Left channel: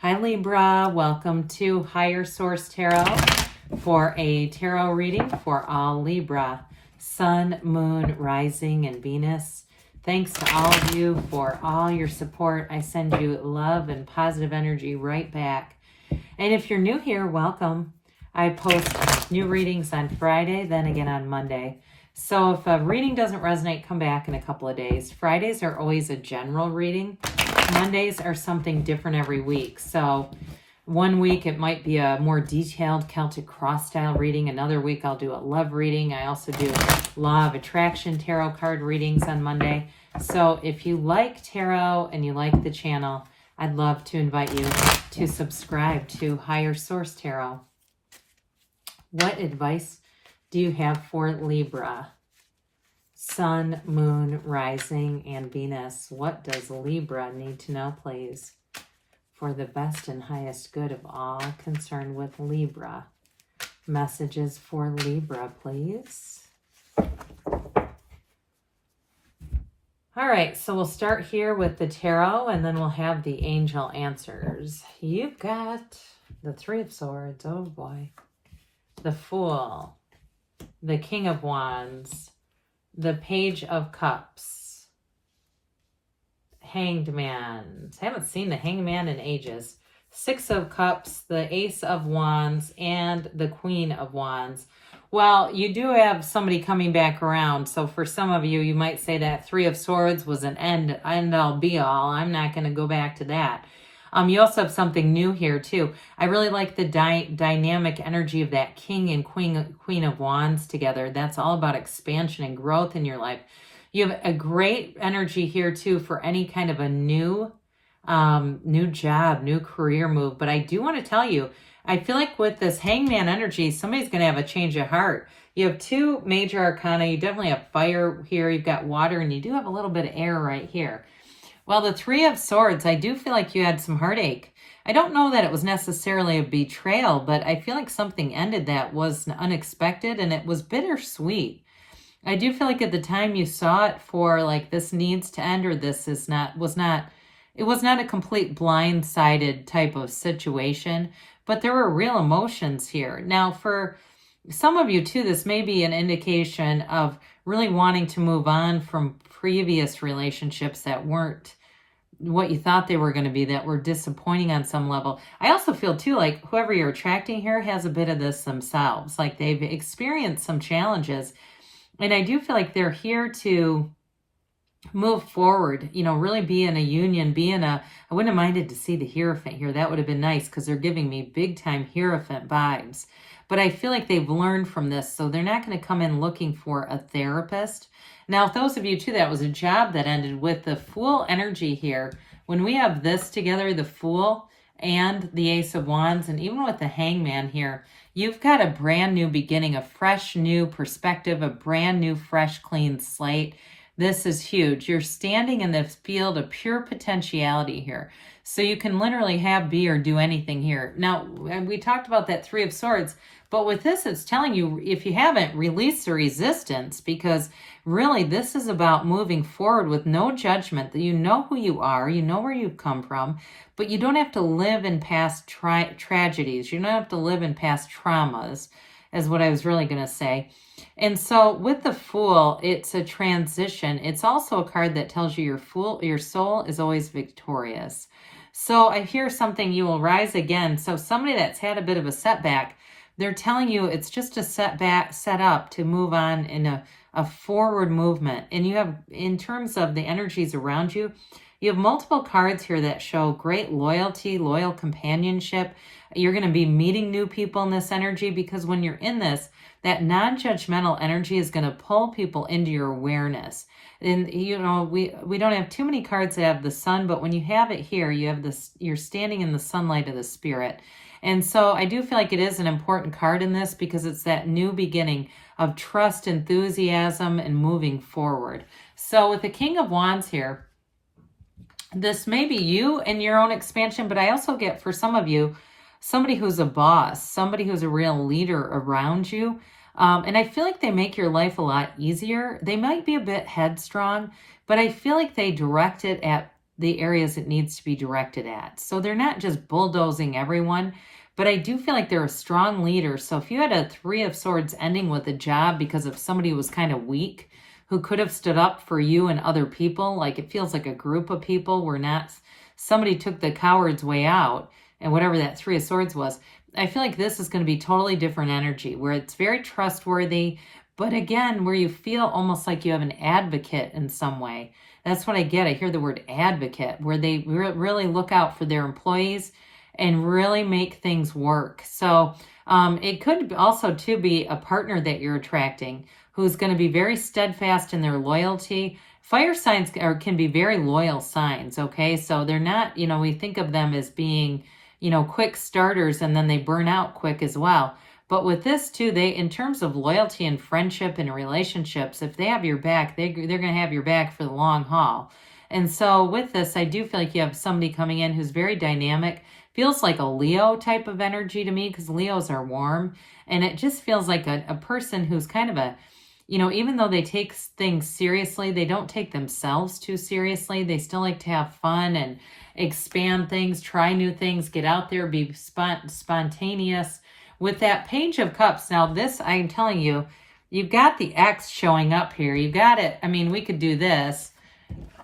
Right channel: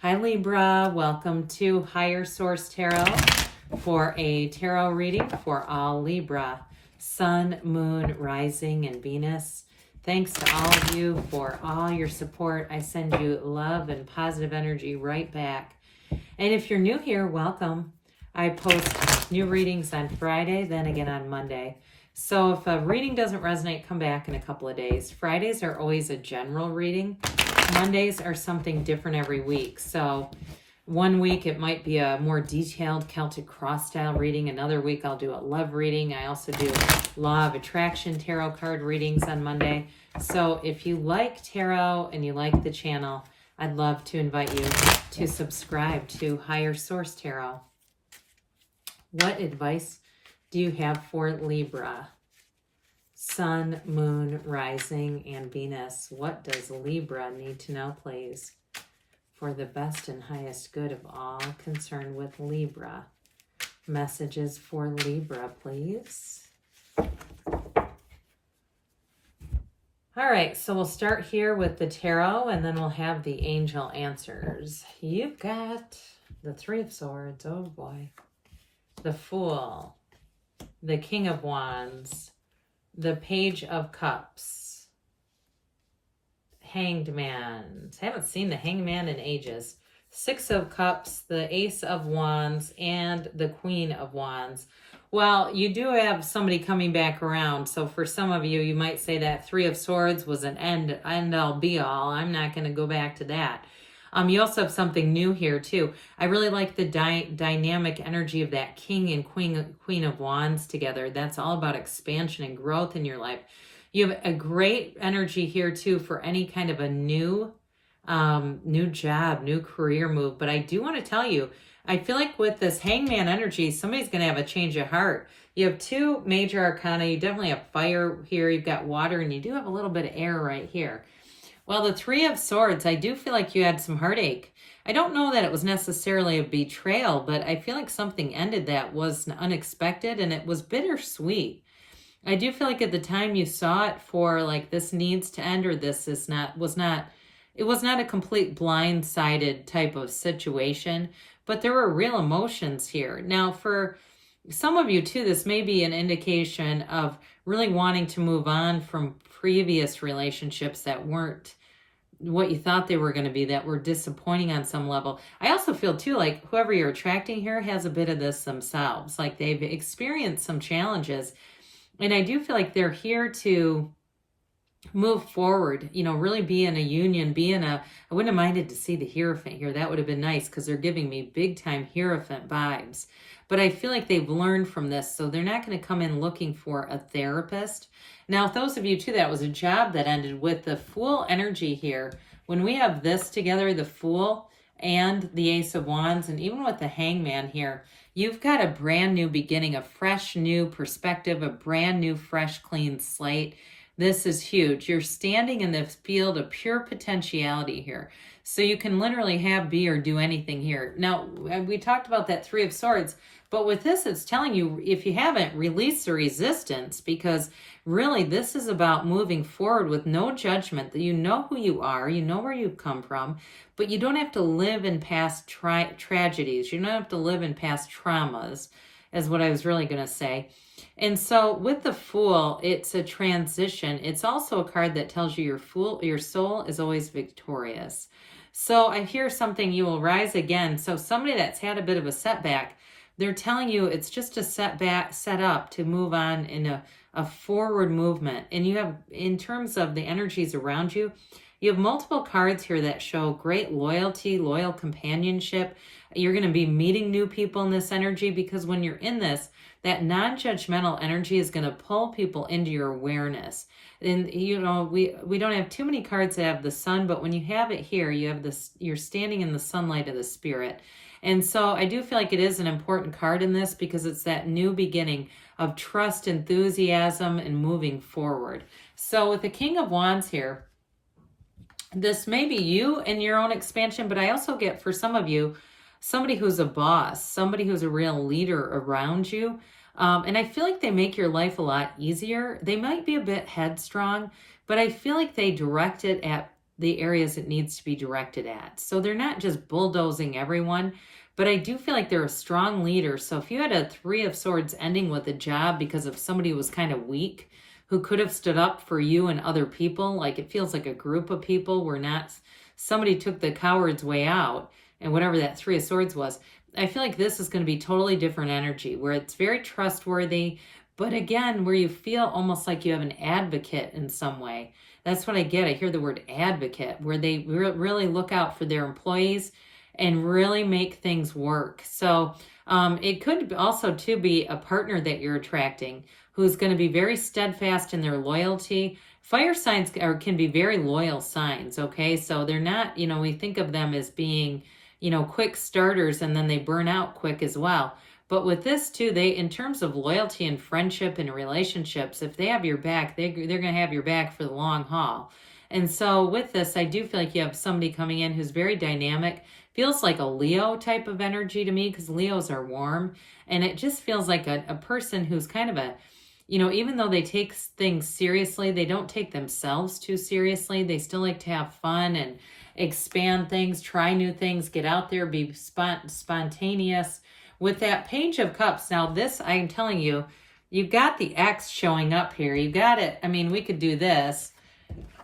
Hi Libra, welcome to Higher Source Tarot for a tarot reading for all Libra, Sun, Moon, Rising, and Venus. Thanks to all of you for all your support. I send you love and positive energy right back. And if you're new here, welcome. I post new readings on Friday, then again on Monday. So if a reading doesn't resonate, come back in a couple of days. Fridays are always a general reading. Mondays are something different every week. So one week it might be a more detailed Celtic cross style reading. Another week I'll do a love reading. I also do Law of Attraction tarot card readings on Monday. So if you like tarot and you like the channel, I'd love to invite you to subscribe to Higher Source Tarot. What advice do you have for Libra? Sun, Moon, Rising, and Venus. What does Libra need to know, please, for the best and highest good of all concerned with Libra? Messages for Libra, please. All right, so we'll start here with the tarot, and then we'll have the angel answers. You've got the Three of Swords. Oh, boy. The Fool. The King of Wands. The Page of Cups. Hanged Man. I haven't seen the Hanged Man in ages. Six of Cups, the Ace of Wands, and the Queen of Wands. Well, you do have somebody coming back around. So for some of you, you might say that Three of Swords was an end-all be-all. I'm not going to go back to that. You also have something new here, too. I really like the dynamic energy of that King and Queen of Wands together. That's all about expansion and growth in your life. You have a great energy here, too, for any kind of a new job, new career move. But I do want to tell you, I feel like with this Hangman energy, somebody's going to have a change of heart. You have two major arcana. You definitely have fire here. You've got water, and you do have a little bit of air right here. Well, the Three of Swords, I do feel like you had some heartache. I don't know that it was necessarily a betrayal, but I feel like something ended that was unexpected, and it was bittersweet. I do feel like at the time you saw it for like this needs to end, or this is not, it was not a complete blindsided type of situation, but there were real emotions here. Now, for some of you too, this may be an indication of really wanting to move on from previous relationships that weren't what you thought they were going to be, that were disappointing on some level. I also feel too like whoever you're attracting here has a bit of this themselves, like they've experienced some challenges, and I do feel like they're here to move forward, you know, really be in a union, I wouldn't have minded to see the Hierophant here. That would have been nice because they're giving me big time Hierophant vibes. But I feel like they've learned from this, so they're not going to come in looking for a therapist. Now, those of you, too, that was a job that ended with the Fool energy here. When we have this together, the Fool and the Ace of Wands, and even with the Hangman here, you've got a brand new beginning, a fresh new perspective, a brand new, fresh, clean slate. This is huge. You're standing in the field of pure potentiality here. So you can literally have, be, or do anything here. Now, we talked about that Three of Swords, but with this, it's telling you, if you haven't, release the resistance, because really this is about moving forward with no judgment. That you know who you are, you know where you've come from, but you don't have to live in past tragedies. You don't have to live in past traumas, is what I was really going to say. And so with the Fool, it's a transition. It's also a card that tells you your soul is always victorious. So I hear something, you will rise again. So somebody that's had a bit of a setback, they're telling you it's just a setback, set up to move on in a forward movement. And you have, in terms of the energies around you, you have multiple cards here that show great loyalty, loyal companionship. You're going to be meeting new people in this energy, because when you're in this, that non-judgmental energy is going to pull people into your awareness. And, you know, we don't have too many cards that have the sun, but when you have it here, you have this, you're standing in the sunlight of the spirit. And so I do feel like it is an important card in this, because it's that new beginning of trust, enthusiasm, and moving forward. So with the King of Wands here, this may be you in your own expansion, but I also get, for some of you, somebody who's a boss, somebody who's a real leader around you. And I feel like they make your life a lot easier. They might be a bit headstrong, but I feel like they direct it at the areas it needs to be directed at. So they're not just bulldozing everyone, but I do feel like they're a strong leader. So if you had a Three of Swords ending with a job because of somebody who was kind of weak, who could have stood up for you and other people, like it feels like a group of people were not, somebody took the coward's way out, and whatever that Three of Swords was, I feel like this is going to be totally different energy where it's very trustworthy, but again, where you feel almost like you have an advocate in some way. That's what I get. I hear the word advocate, where they really look out for their employees and really make things work. So it could also too be a partner that you're attracting who's going to be very steadfast in their loyalty. Fire signs can be very loyal signs, okay? So they're not, we think of them as being, quick starters and then they burn out quick as well. But with this too, in terms of loyalty and friendship and relationships, if they have your back, they're going to have your back for the long haul. And so with this, I do feel like you have somebody coming in who's very dynamic, feels like a Leo type of energy to me because Leos are warm. And it just feels like a person who's kind of even though they take things seriously, they don't take themselves too seriously. They still like to have fun and expand things, try new things, get out there, be spontaneous. With that Page of Cups, now this, I'm telling you, you've got the X showing up here. You got it. I mean, we could do this.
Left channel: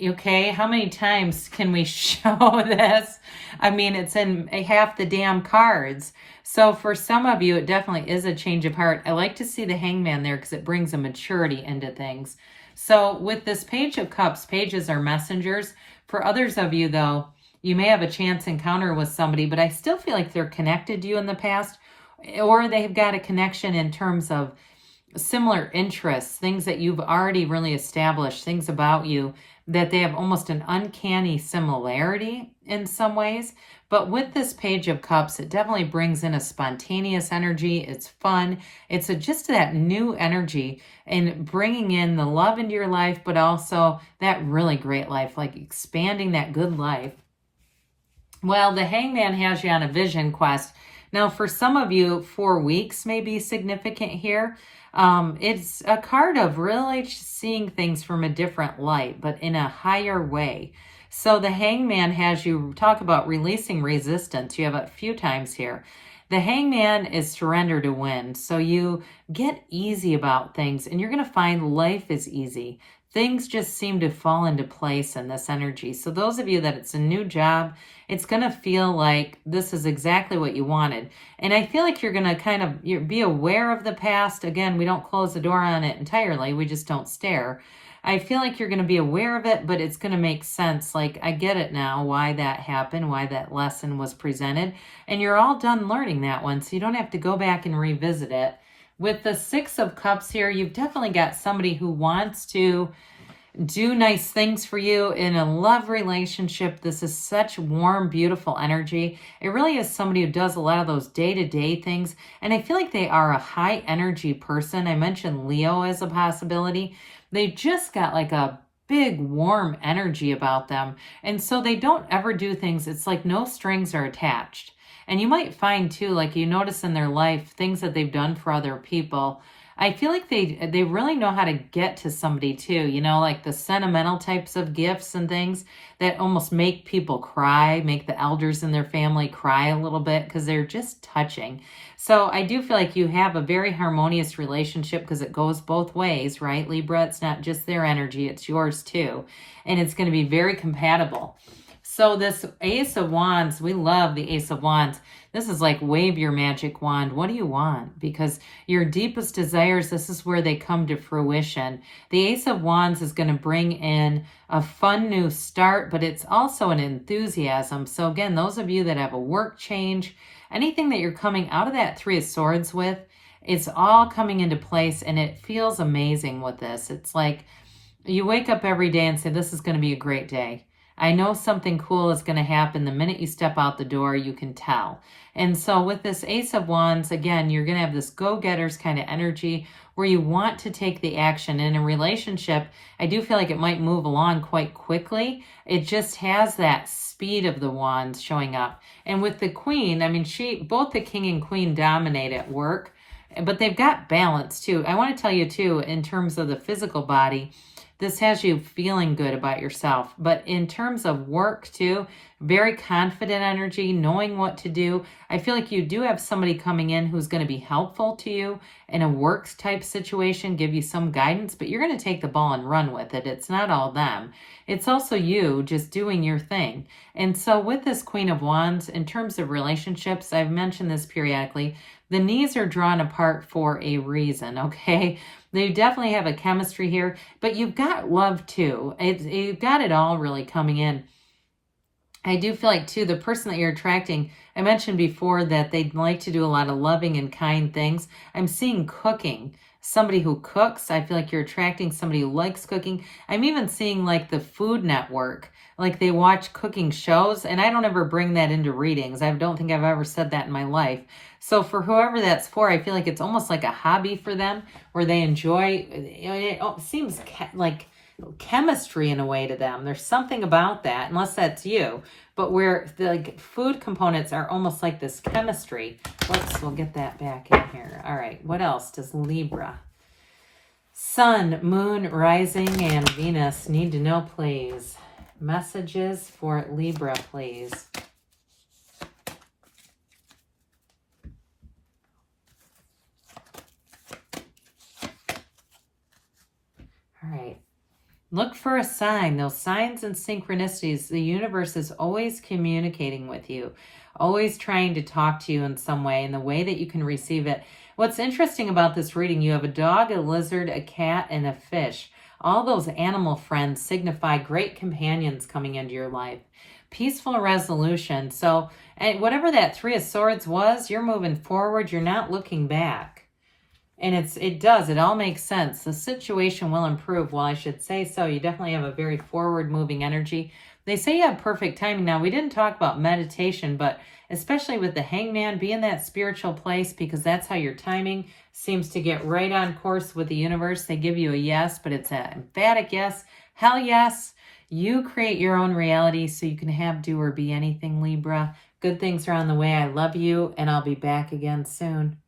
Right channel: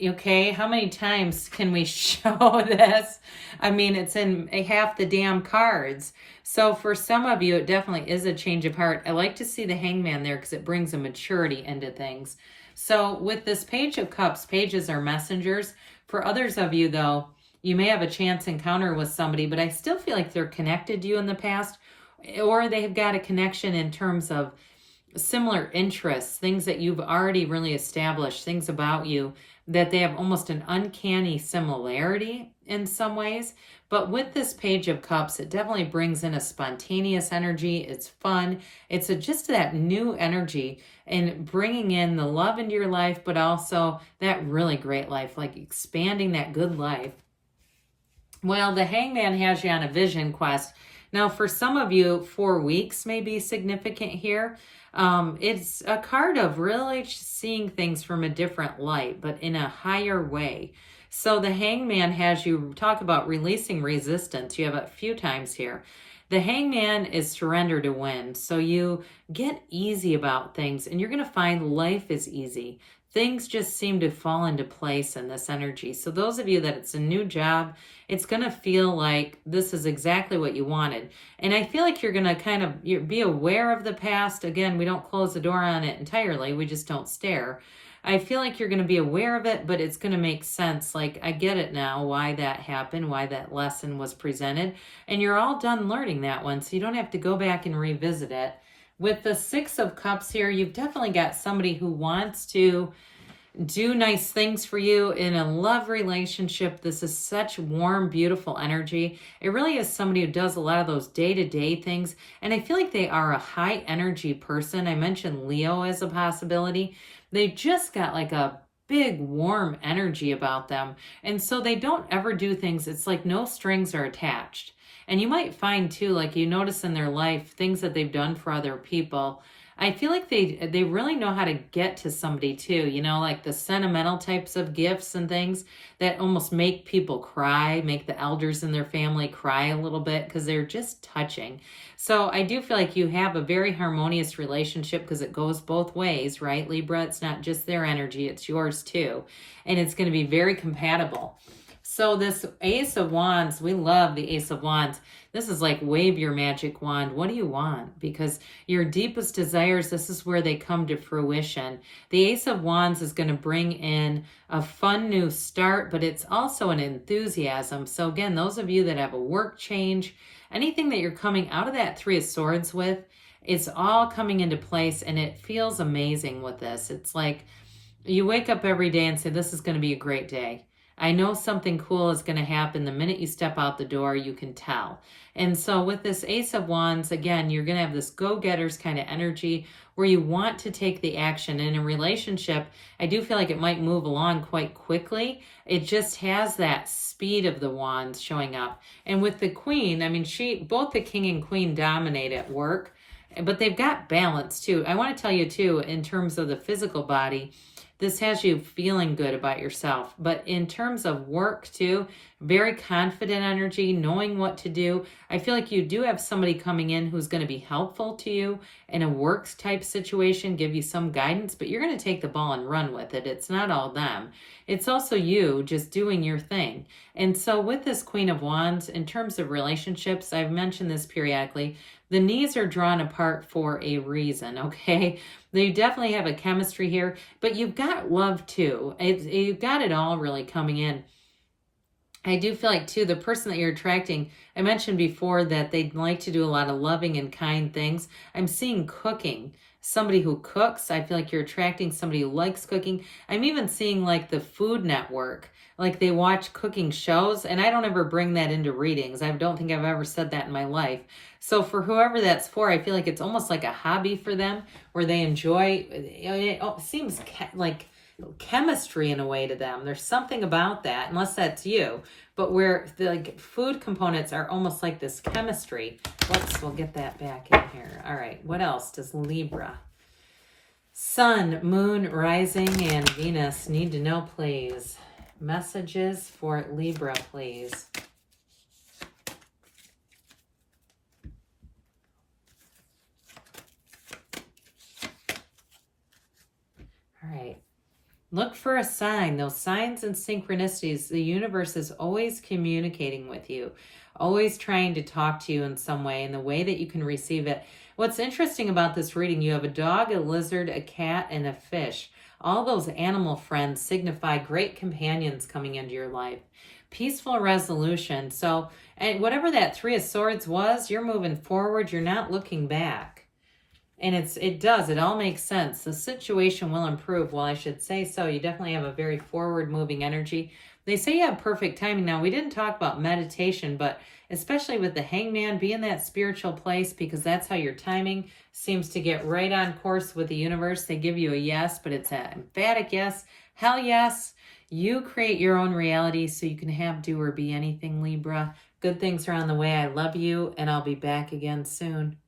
Okay, how many times can we show this? I mean, it's in half the damn cards. So for some of you, it definitely is a change of heart. I like to see the Hangman there because it brings a maturity into things. So with this Page of Cups, pages are messengers. For others of you, though, you may have a chance encounter with somebody, but I still feel like they're connected to you in the past, or they've got a connection in terms of similar interests, things that you've already really established, things about you that they have almost an uncanny similarity in some ways. But with this Page of Cups, it definitely brings in a spontaneous energy. It's fun. It's just that new energy and bringing in the love into your life, but also that really great life, like expanding that good life. Well, the Hangman has you on a vision quest. Now, for some of you, 4 weeks may be significant here. It's a card of really seeing things from a different light, but in a higher way. So the Hangman has you talk about releasing resistance. You have it a few times here. The Hangman is surrender to win. So you get easy about things and you're going to find life is easy. Things just seem to fall into place in this energy. So those of you that it's a new job, it's going to feel like this is exactly what you wanted. And I feel like you're going to kind of be aware of the past. Again, we don't close the door on it entirely. We just don't stare. I feel like you're going to be aware of it, but it's going to make sense. Like, I get it now, why that happened, why that lesson was presented. And you're all done learning that one, so you don't have to go back and revisit it. With the Six of Cups here, you've definitely got somebody who wants to do nice things for you in a love relationship. This is such warm, beautiful energy. It really is somebody who does a lot of those day-to-day things. And I feel like they are a high energy person. I mentioned Leo as a possibility. They just got like a big warm energy about them. And so they don't ever do things. It's like no strings are attached. And you might find too, like you notice in their life, things that they've done for other people. I feel like they really know how to get to somebody too, like the sentimental types of gifts and things that almost make people cry, make the elders in their family cry a little bit because they're just touching. So I do feel like you have a very harmonious relationship because it goes both ways, right, Libra? It's not just their energy, it's yours too. And it's going to be very compatible. So this Ace of Wands, we love the Ace of Wands. This is like wave your magic wand. What do you want? Because your deepest desires, this is where they come to fruition. The Ace of Wands is going to bring in a fun new start, but it's also an enthusiasm. So again, those of you that have a work change, anything that you're coming out of that Three of Swords with, it's all coming into place and it feels amazing with this. It's like you wake up every day and say, this is going to be a great day. I know something cool is going to happen. The minute you step out the door, you can tell. And so with this Ace of Wands, again, you're going to have this go-getters kind of energy where you want to take the action. In a relationship, I do feel like it might move along quite quickly. It just has that speed of the wands showing up. And with the Queen, I mean, both the King and Queen dominate at work, but they've got balance too. I want to tell you too, in terms of the physical body, This has you feeling good about yourself. But in terms of work too, very confident energy, knowing what to do. I feel like you do have somebody coming in who's going to be helpful to you in a works type situation, give you some guidance, but you're going to take the ball and run with it. It's not all them. It's also you just doing your thing. And so with this Queen of Wands, in terms of relationships, I've mentioned this periodically, the knees are drawn apart for a reason, okay? You definitely have a chemistry here, but you've got love too. You've got it all really coming in. I do feel like too, the person that you're attracting, I mentioned before that they'd like to do a lot of loving and kind things. I'm seeing cooking. Somebody who cooks. I feel like you're attracting somebody who likes cooking. I'm even seeing like the Food Network, like they watch cooking shows, and I don't ever bring that into readings. I don't think I've ever said that in my life. So for whoever that's for, I feel like it's almost like a hobby for them where they enjoy, it seems like chemistry in a way to them. There's something about that, unless that's you, but where the like food components are almost like this chemistry. We'll get that back in here. All right, what else does Libra? Sun, Moon, Rising, and Venus need to know, please. Messages for Libra, please. All right. Look for a sign. Those signs and synchronicities, the universe is always communicating with you, always trying to talk to you in some way, in the way that you can receive it. What's interesting about this reading, you have a dog, a lizard, a cat, and a fish. All those animal friends signify great companions coming into your life. Peaceful resolution. So, and whatever that Three of Swords was, you're moving forward. You're not looking back. And it all makes sense. The situation will improve. Well, I should say so. You definitely have a very forward-moving energy. They say you have perfect timing. Now, we didn't talk about meditation, but especially with the Hangman, be in that spiritual place because that's how your timing seems to get right on course with the universe. They give you a yes, but it's an emphatic yes. Hell yes. You create your own reality so you can have, do, or be anything, Libra. Good things are on the way. I love you, and I'll be back again soon.